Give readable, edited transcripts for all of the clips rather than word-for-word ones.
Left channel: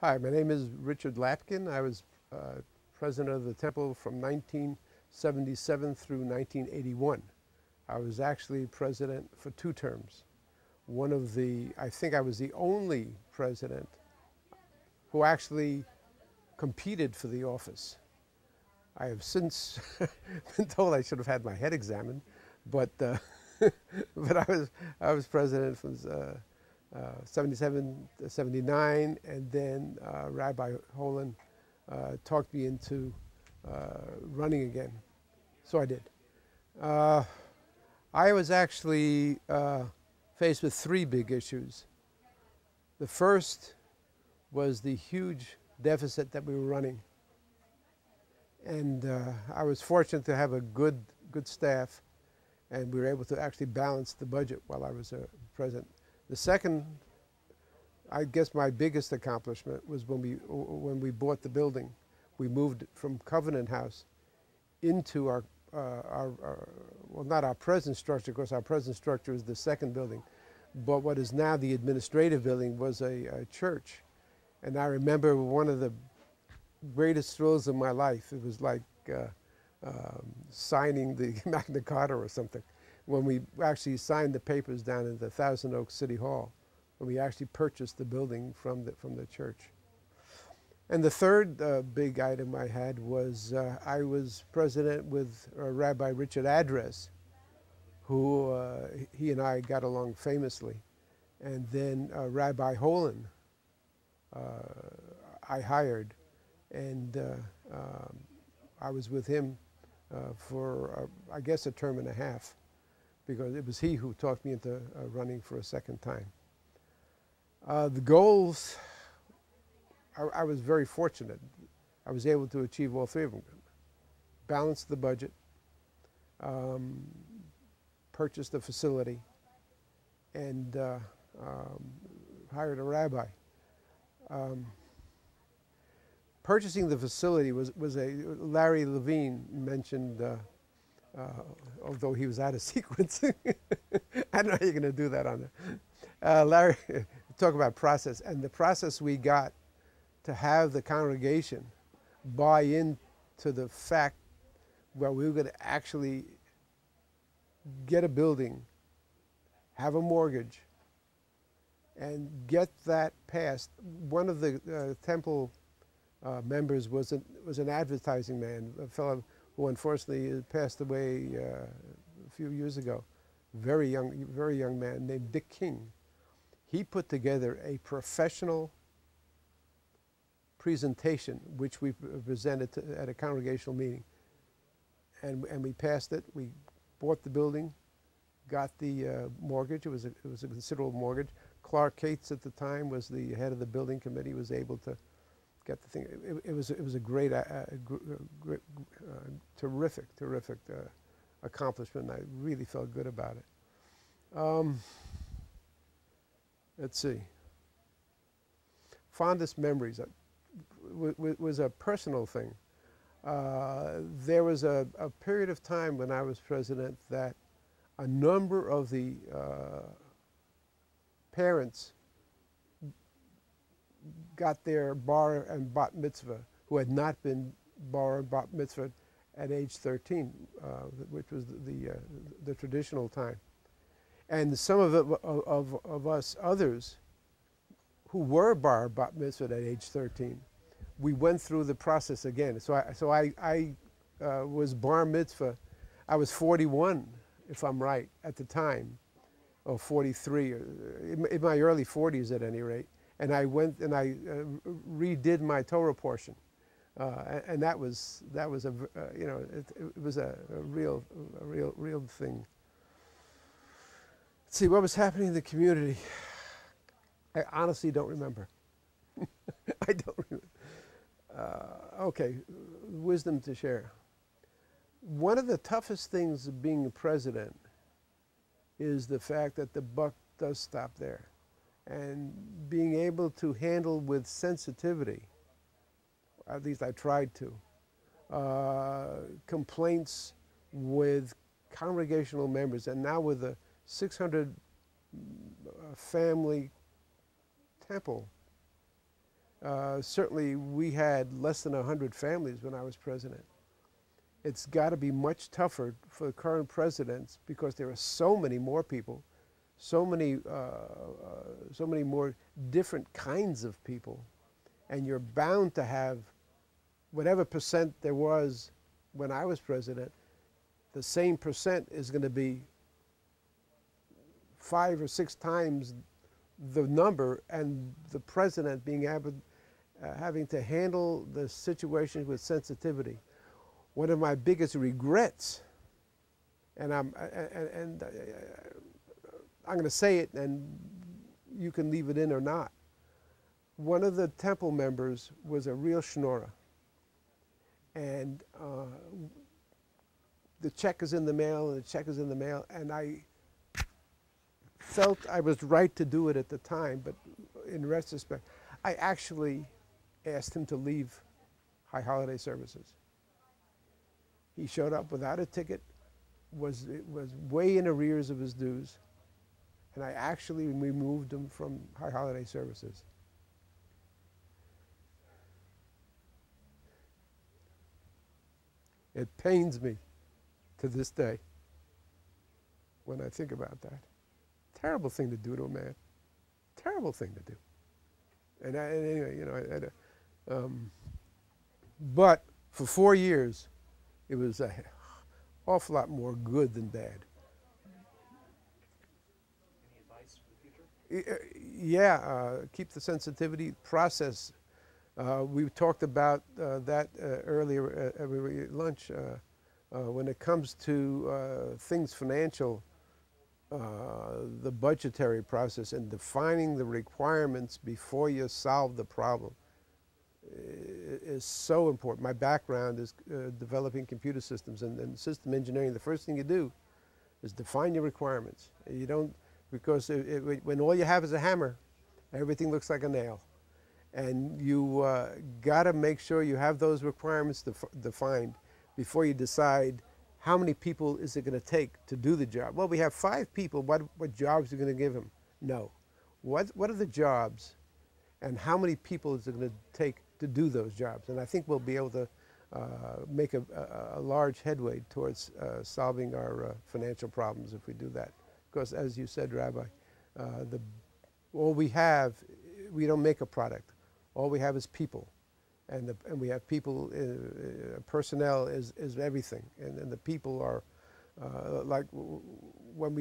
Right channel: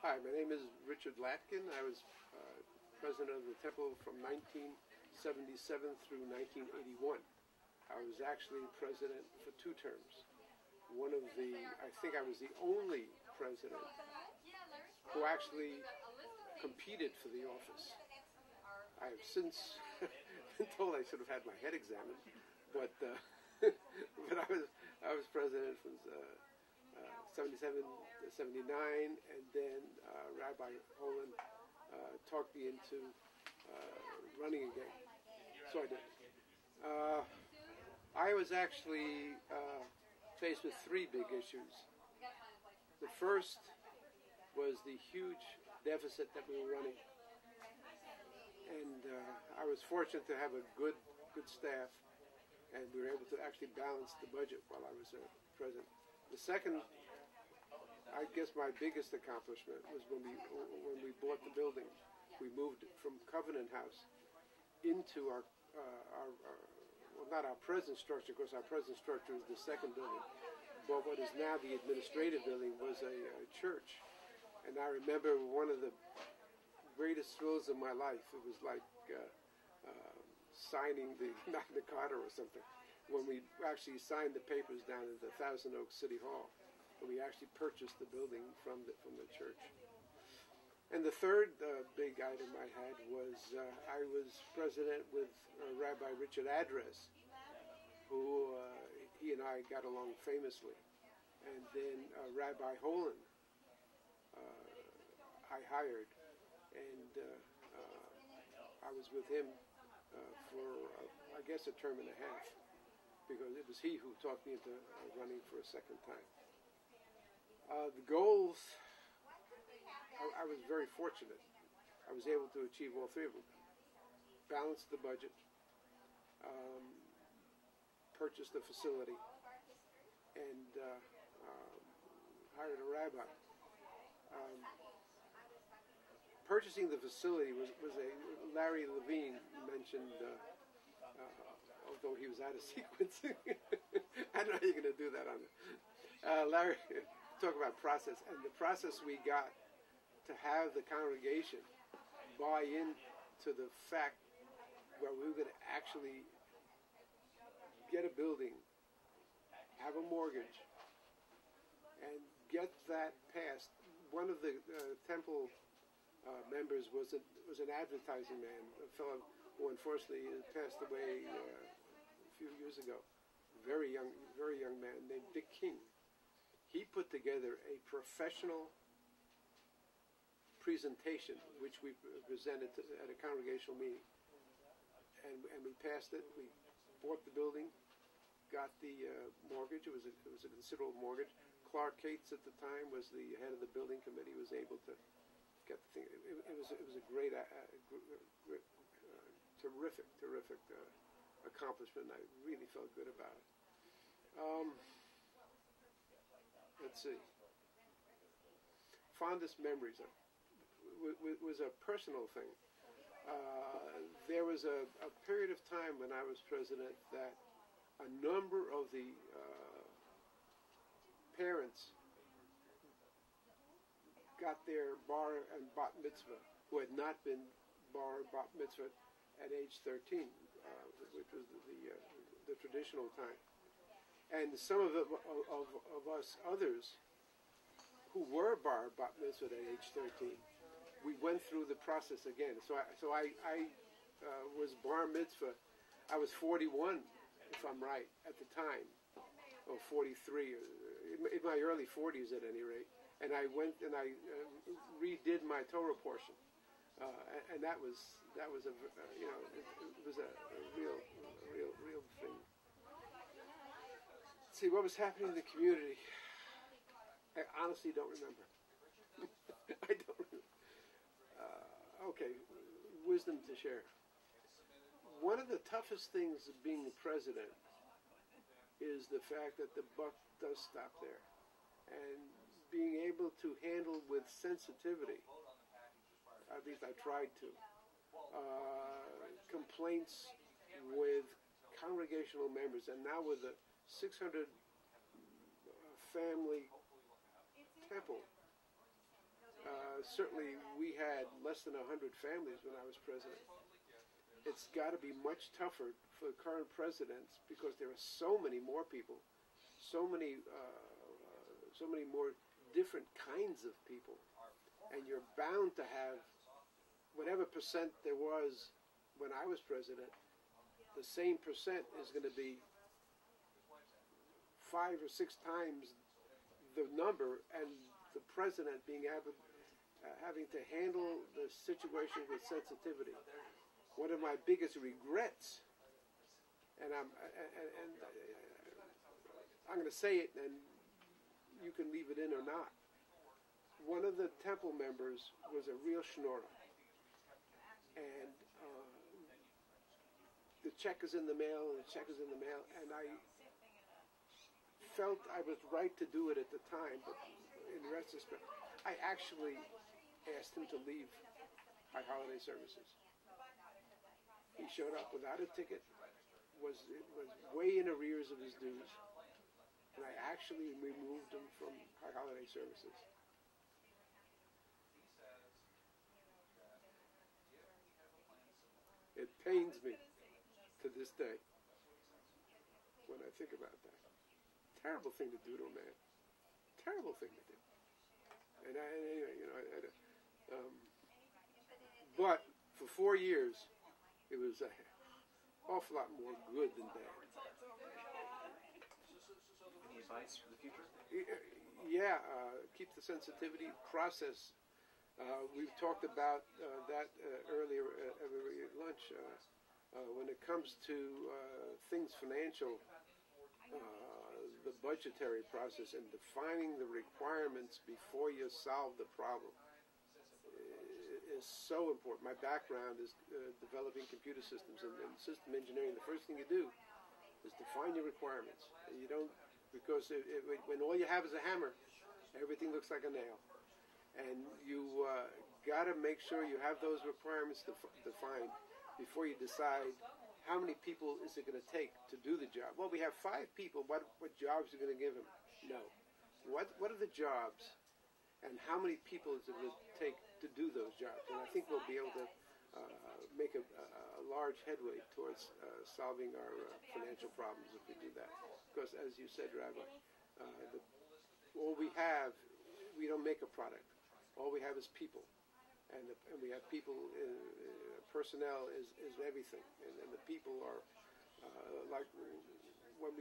Hi, my name is Richard Lapkin. I was president of the temple from 1977 through 1981. I was actually president for 2 terms. I think I was the only president who actually competed for the office. I have since been told I should have had my head examined, but but I was president from 77 to 79, and then Rabbi Holland talked me into running again, so I did. Uh, I was actually faced with 3 big issues. The first was the huge deficit that we were running, and I was fortunate to have a good staff, and we were able to actually balance the budget while I was president. The second, I guess, my biggest accomplishment was when we bought the building. We moved from Covenant House into well, not our present structure, because our present structure is the second building, but what is now the administrative building was a church. And I remember one of the greatest thrills of my life. It was like signing the Magna Carta or something, when we actually signed the papers down in the Thousand Oaks City Hall, when we actually purchased the building from the church. And the third big item I had was I was president with Rabbi Richard Adres, who he and I got along famously. And then Rabbi Holland I hired, and I was with him for, I guess, a term and a half, because it was he who talked me into running for a second time. The goals, I was very fortunate. I was able to achieve all 3 of them. Balance the budget, purchase the facility, and hired a rabbi. Purchasing the facility was Larry Levine mentioned, although he was out of sequence. I don't know how you're going to do that on there. Larry, talk about process, and the process we got to have the congregation buy into the fact, well, we were going to actually get a building, have a mortgage, and get that passed. One of the temple members was an advertising man, a fellow who unfortunately passed away a few years ago. Very young man named Dick King. He put together a professional presentation, which we presented at a congregational meeting, and we passed it. We bought the building, got the mortgage. It was a considerable mortgage. Clark Cates at the time was the head of the building committee. Was able to get the thing. It was a great, terrific accomplishment. I really felt good about it. Let's see. Fondest memories was a personal thing. There was a period of time when I was president that a number of the parents got their bar and bat mitzvah who had not been bar and bat mitzvah at age 13, which was the traditional time. And some of us others who were bar bat mitzvah at age 13, we went through the process again. So I was bar mitzvah. I was 41, if I'm right, at the time, or 43, in my early 40s at any rate. And I went and I redid my Torah portion, and that was a it was a real thing. Let's see what was happening in the community. I honestly don't remember. I don't remember. Okay, wisdom to share. One of the toughest things of being a president is the fact that the buck does stop there. And being able to handle with sensitivity, at least I tried to, complaints with congregational members, and now with a 600 family temple, Certainly, we had less than 100 families when I was president. It's got to be much tougher for the current presidents because there are so many more people, so many more different kinds of people, and you're bound to have whatever percent there was when I was president. The same percent is going to be 5 or 6 times the number, and the president being able, having to handle the situation with sensitivity. One of my biggest regrets, and I'm going to say it, and you can leave it in or not. One of the temple members was a real schnorrer, and the check is in the mail, and the check is in the mail, and I felt I was right to do it at the time, but in retrospect, I actually asked him to leave High Holiday Services. He showed up without a ticket, was way in arrears of his dues, and I actually removed him from High Holiday Services. It pains me to this day when I think about that. Terrible thing to do to a man. Terrible thing to do. And anyway, you know, but for 4 years, it was an awful lot more good than bad. Any advice for the future? Yeah, keep the sensitivity process. We talked about that earlier at lunch. When it comes to things financial, the budgetary process and defining the requirements before you solve the problem is so important. My background is developing computer systems and system engineering. The first thing you do is define your requirements. You don't, because when all you have is a hammer, everything looks like a nail. And you got to make sure you have those requirements defined before you decide how many people is it going to take to do the job. Well, we have 5 people. What jobs are you going to give them? No. What are the jobs, and how many people is it going to take to do those jobs? And I think we'll be able to make a large headway towards solving our financial problems if we do that. Because as you said, Rabbi, all we have, we don't make a product. All we have is people, and we have people. Personnel is everything, and the people are like when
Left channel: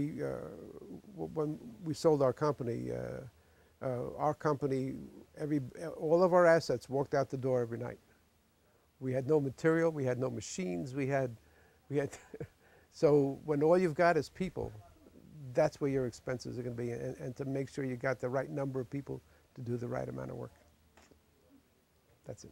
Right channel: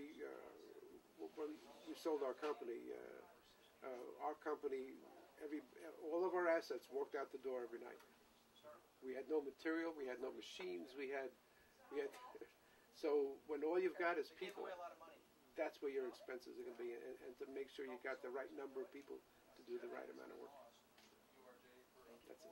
we sold our company. All of our assets walked out the door every night. We had no material, we had no machines, we had. So when all you've got is people, that's where your expenses are going to be, and to make sure you got the right number of people to do the right amount of work. That's it.